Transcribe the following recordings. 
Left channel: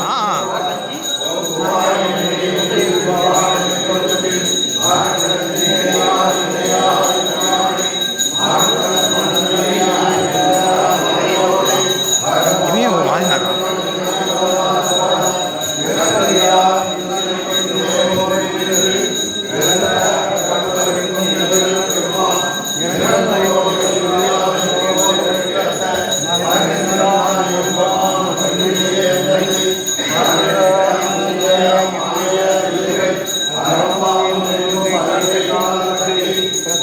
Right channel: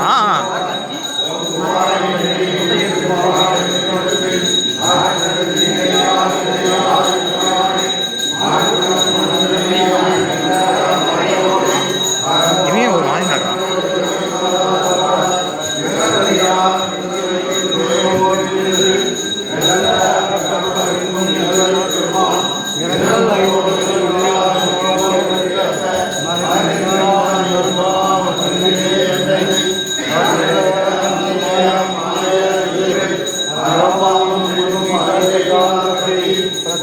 ஆ.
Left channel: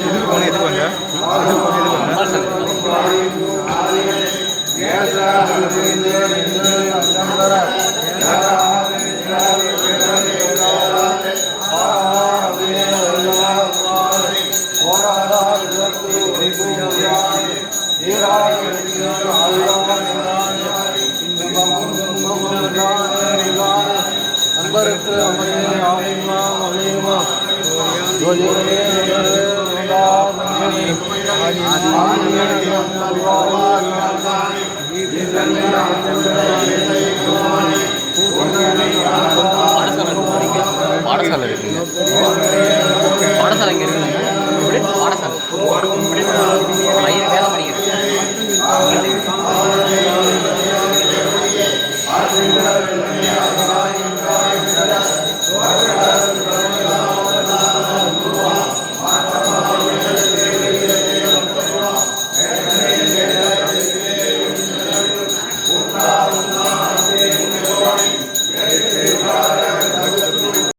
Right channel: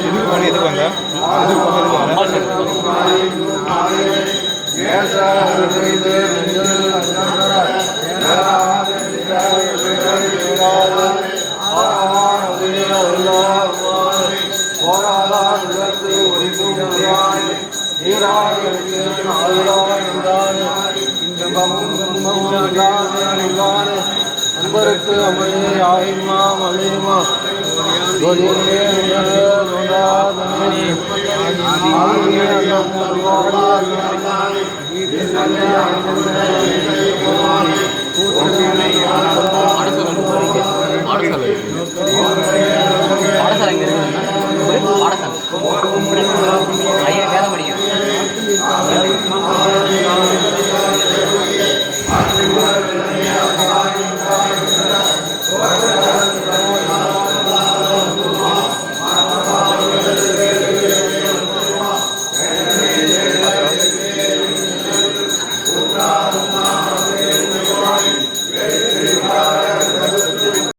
எதுக்கு போன எதுக்கு வந்த எதுக்கு போன எதுக்கு வந்த அன்பருக்கு அமரே பாடசாலை இருக்கு பாடசாலை இங்கே இருக்கு பாடசாலை.